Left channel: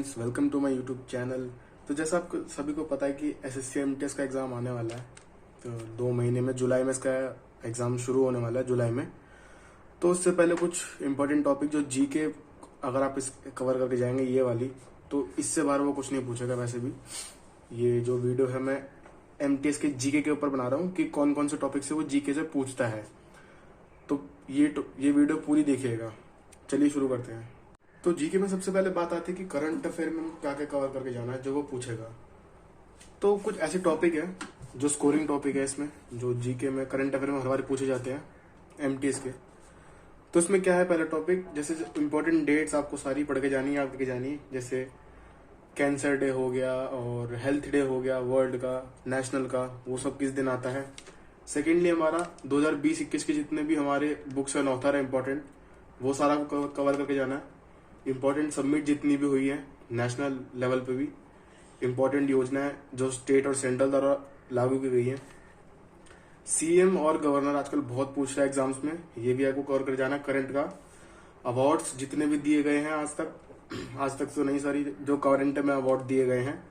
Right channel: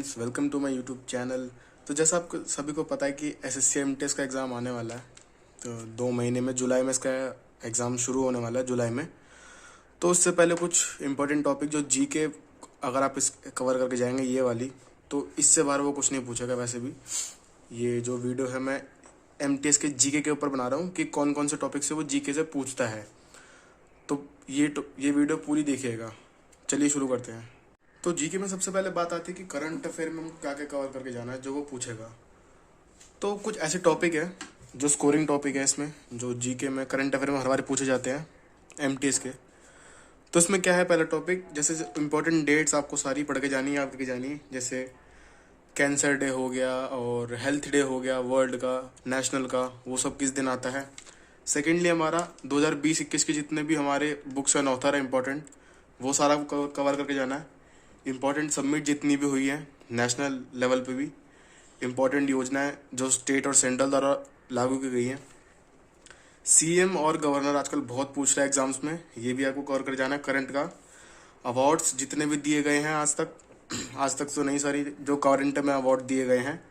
Friends, welcome to my YouTube channel. तो जैसा आपको सभी को पता है कि एसएससी एमटीएस का एग्ज़ाम आने वाला है। तो 2 महीने में जुलाई में इसका एग्ज़ाम शुरू होने वाला है, जुलाई में। तो उससे पहले कुछ इंपॉर्टेंट टॉपिक जो जीके, अगर आप इस कवर करके जाएंगे ये वाली, तो इससे बाहर वो कुछ नहीं पूछेगा। वैसे भी ये जो वीडियो है मैं एमटीएस के जीके के ऊपर बना रहा हूँ कि कौन कौन से टॉपिक से वो जीके से पूछता है। तो ये वीडियो पूरी देखिएगा। चलिए शुरू करते हैं। तो जीके में सबसे पहले बात आती है कि करंट अफेयर में क्या क्या कवर करके जाना है, जो वो पूछेगा। तो कुछ ऐसे टॉपिक है जो स्कोरिंग टॉपिक है इसमें, जो जीके में करंट अफेयर में हर बार पूछे जाते हैं एमटीएस के। तो इसमें क्या है, पहला टॉपिक जैसे इंपॉर्टेंट डेट्स आपको सारी पढ़ के जानी है, याद करके जानी है। जैसे कैंसर डे हो गया और हेल्थ डे हो गया, वर्ल्ड का, नेशनल का, वो सब किस दिन आता है। सेकेंडली हमारा 2020-21 के जितने भी हमारे बुक्स एंड ऑथर है इंपॉर्टेंट, वो सारा कवर करके जाना है। इम्पॉर्टेंट सबमिट जितनी भी हुई है नेशनल लेवल पे भी, इम्पॉर्टेंट योजनाएं जो स्टेट और सेंट्रल द्वारा लागू की गई है। सीएम और गवर्नर आजकल बहुत पूछ रहा है एग्जाम्स में, ये भी आपको कवर कर जाना है। करंट का अवार्ड्स जितने भी दिए गए हैं आज तक तो नहीं, सारी जो करंट में अवार्ड दिए गए हैं।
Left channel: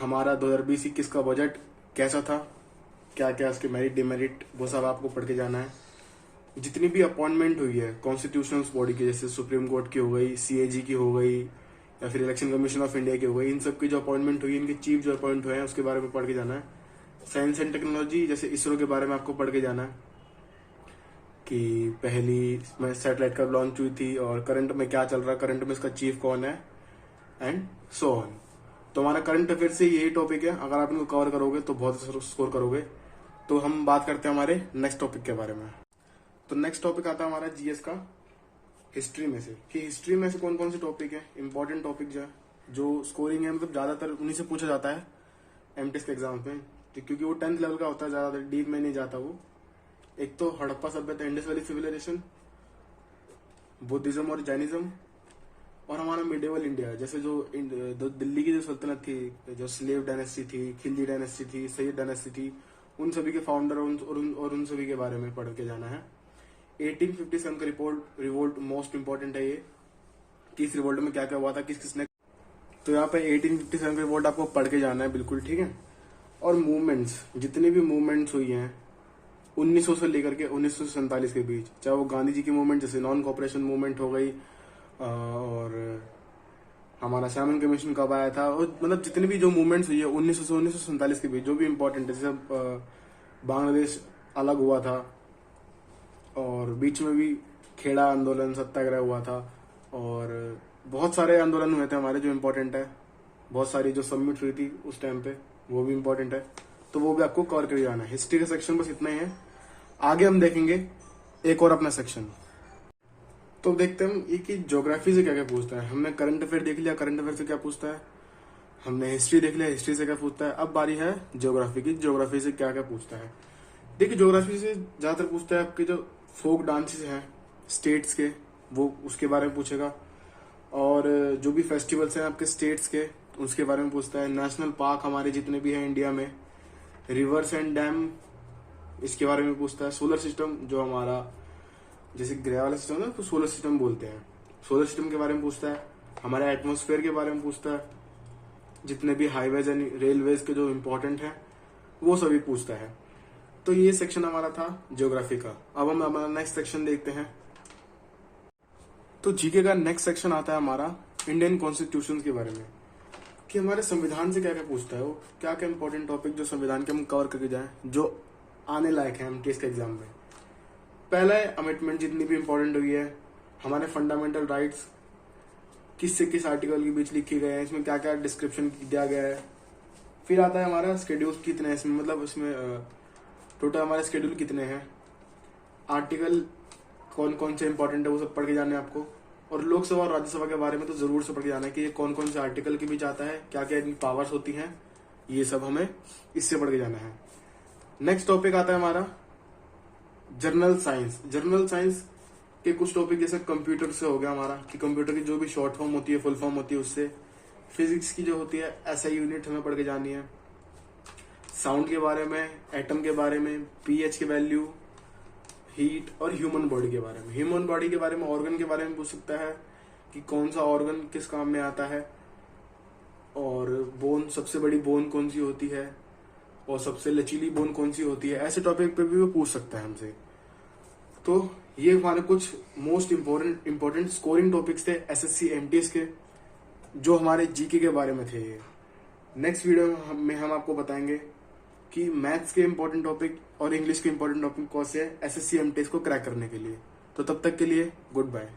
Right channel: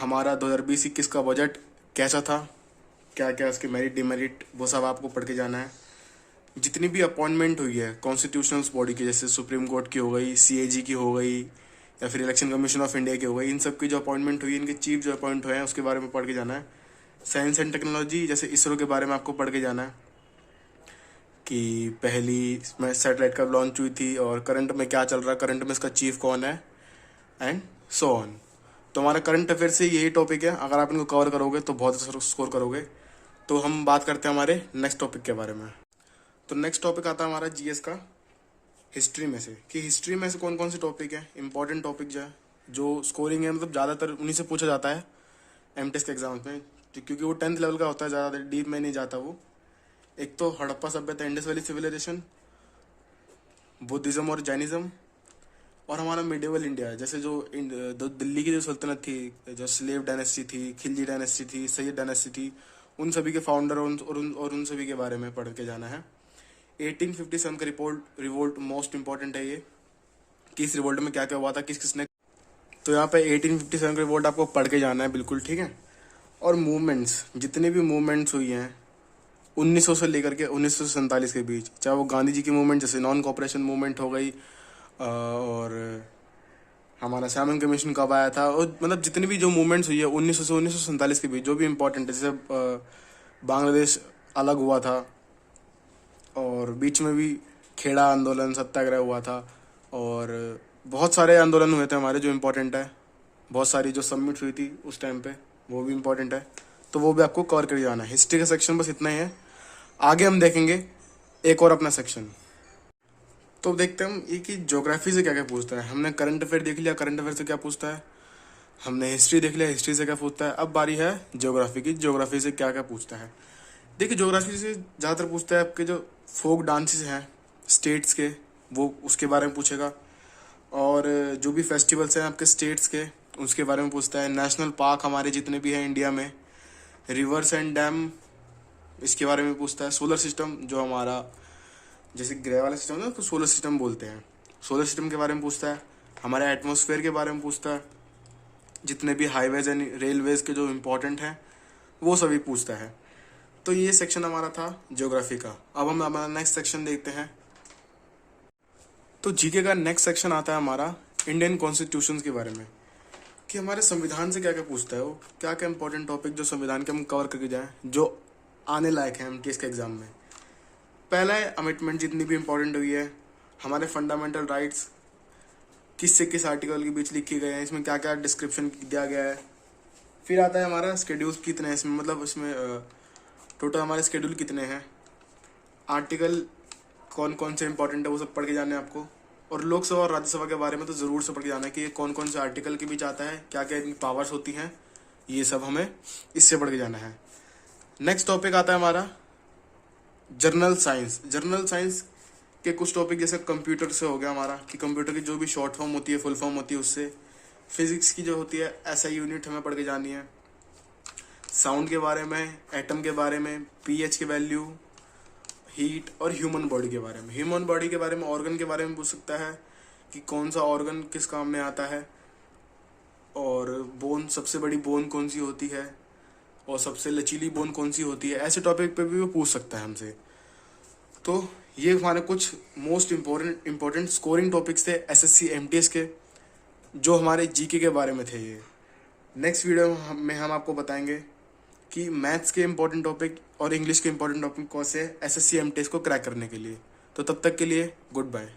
हमारा 2020-21 का बजट कैसा था, क्या क्या उसके मेरिट डिमेरिट, वो सब आपको पढ़ के जाना है। जितनी भी अपॉइंटमेंट हुई है कॉन्स्टिट्यूशनल बॉडी की, जैसे सुप्रीम कोर्ट की हो गई, सीएजी की हो गई, या फिर इलेक्शन कमीशन ऑफ इंडिया की हो गई, इन सब की जो अपॉइंटमेंट हुई है, इनके चीफ जो अपॉइंट हुए हैं उसके बारे में पढ़ के जाना है। साइंस एंड टेक्नोलॉजी, जैसे इसरो के बारे में आपको पढ़ के जाना है कि पहली में सैटेलाइट कब लॉन्च हुई थी और करंट में क्या चल रहा है, करंट में इसका चीफ कौन है, एंड सो ऑन। तो हमारा करंट अफेयर से यही टॉपिक है। अगर आप इनको कवर करोगे तो बहुत अच्छा स्कोर करोगे। तो हम बात करते हैं हमारे नेक्स्ट टॉपिक के बारे में। तो नेक्स्ट टॉपिक आता है हमारा जीएस का हिस्ट्री में से, कि हिस्ट्री में से कौन कौन से टॉपिक है इंपॉर्टेंट टॉपिक जो स्कोरिंग है, मतलब ज़्यादातर उन्हीं से पूछा जाता है एमटेस के एग्जाम्स में, क्योंकि वो 10th लेवल का होता है, ज़्यादा डीप में नहीं जाता वो। एक तो हड़प्पा सभ्यता, इंडस वैली सिविलाइजेशन, बुद्धिज्म और जैनिज्म, और हमारा मिडिवल इंडिया, जैसे जो दिल्ली की जो सल्तनत थी, जो स्लेव डायनेस्टी थी, खिलजी डायनेस्टी थी, सईद डायनेस्टी थी, उन सभी के फाउंडर और उन सभी के बारे में पढ़ के जाना है। 1857 का रिवोल्ट मोस्ट इंपॉर्टेंट है ये, कि इस रिवोल्ट में क्या क्या हुआ था, किसने। तो यहाँ पे 1857 का रिवोल्ट आपको पढ़ के जाना है, बिल्कुल ठीक है। और मूवमेंट्स, जितनी भी मूवमेंट्स हुई हैं 1900 से लेकर के 1947 के बीच, चाहे वो गांधी जी की मूवमेंट जैसे नॉन कॉपरेशन मूवमेंट हो गई, और हमारा सैमन कमीशन कब आया था, और मतलब जितनी भी जो मूवमेंट्स हुई है 1900 से 1947 के बीच, जो भी इम्पोर्टेंट है, जैसे बांग्लादेश अलग हुआ था, और बीच में भी खेड़ा आंदोलन, सत्याग्रह हुआ था, और बहुत सारे आंदोलन हुए थे हमारे जो इम्पोर्टेंट है। बहुत सारी जो सबमिट हुई थी उस टाइम पे, वो भी इम्पोर्टेंट है। तो वो भी आपको कवर कर जाना है। हिस्ट्री का सेक्शन बस इतना ही है। आगे हम देखेंगे एक और अपना सेक्शन। तो देखते हैं ये कि ज्योग्राफी से क्या क्या पूछता है। हमने करंट अफेयर देख लिया, करंट अफेयर से क्या पूछता है। हमने हिस्ट्री देख लिया, हिस्ट्री से क्या पूछता है। अब बारी है ज्योग्राफी की, ज्योग्राफी से क्या क्या पूछता है। देखिए, ज्योग्राफी से ज़्यादातर पूछता है आपके जो फोक डांसेस हैं स्टेट्स के, वो उसके बारे में पूछेगा। और जो भी फेस्टिवल्स हैं आपके स्टेट्स के, उसके बारे में पूछता है। नेशनल पार्क हमारे जितने भी हैं इंडिया में, रिवर्स एंड डैम, इसके बारे में पूछता है। सोलर सिस्टम जो हमारा, जैसे ग्रह वाला सिस्टम है तो सोलर सिस्टम बोलते हैं, सोलर सिस्टम के बारे में पूछता है। हमारे एटमॉस्फेयर के बारे में पूछता है। जितने भी हाईवेज एंड रेलवेज के जो इम्पोर्टेंट हैं वो सभी पूछता है। तो ये सेक्शन हमारा था ज्योग्राफी का। अब हम हमारा नेक्स्ट सेक्शन देखते हैं। तो जीके का नेक्स्ट सेक्शन आता है हमारा इंडियन कॉन्स्टिट्यूशन के बारे में, कि हमारे संविधान से क्या क्या पूछता है, वो क्या क्या इंपॉर्टेंट टॉपिक जो संविधान के हम कवर करके जाएं, जो आने लायक है एमटीएस के एग्जाम में। पहला है अमेंडमेंट, जितनी भी इंपॉर्टेंट हुई है। हमारे फंडामेंटल राइट्स किस से किस आर्टिकल के बीच लिखे गए हैं, इसमें क्या क्या डिस्क्रिप्शन दिया गया है। फिर आता है हमारा शेड्यूल कितने हैं इसमें, मतलब इसमें टोटल हमारे शेड्यूल कितने हैं, आर्टिकल कौन कौन से इंपॉर्टेंट है, वो सब पढ़ के जाना है आपको। और लोकसभा और राज्यसभा के बारे में तो ज़रूर से पढ़ के जाना है कि ये कौन कौन से आर्टिकल के बीच आता है, क्या क्या इनकी पावर्स होती हैं, ये सब हमें इससे पढ़ के जाना है। नेक्स्ट टॉपिक आता है हमारा जर्नल साइंस। जर्नल साइंस के कुछ टॉपिक जैसे कंप्यूटर से हो गया हमारा, कि कंप्यूटर की जो भी शॉर्ट फॉर्म होती है, फुल फॉर्म होती है, उससे। फिजिक्स की जो होती है एसआई यूनिट हमें पढ़ के जानी है। साउंड के बारे में, एटम के बारे में, पीएच के वैल्यू, हीट, और ह्यूमन बॉडी के बारे में। ह्यूमन बॉडी के बारे में, ऑर्गन के बारे में पूछ सकता है, कि कौन सा ऑर्गन किस काम में आता है, और बोन, सबसे बड़ी बोन कौन सी होती है, और सबसे लचीली बोन कौन सी होती है। ऐसे टॉपिक पे भी वो पूछ सकता है हमसे। तो ये हमारे कुछ मोस्ट इम्पोर्टेंट स्कोरिंग टॉपिक्स थे एसएससी एमटीएस के, जो हमारे जीके के बारे में थे। ये नेक्स्ट वीडियो में हम आपको बताएंगे कि मैथ्स के इम्पोर्टेंट टॉपिक और इंग्लिश के इम्पोर्टेंट टॉपिक कौन से एसएससी एमटीएस को क्रैक करने के लिए। तो तब तक के लिए गुड बाय।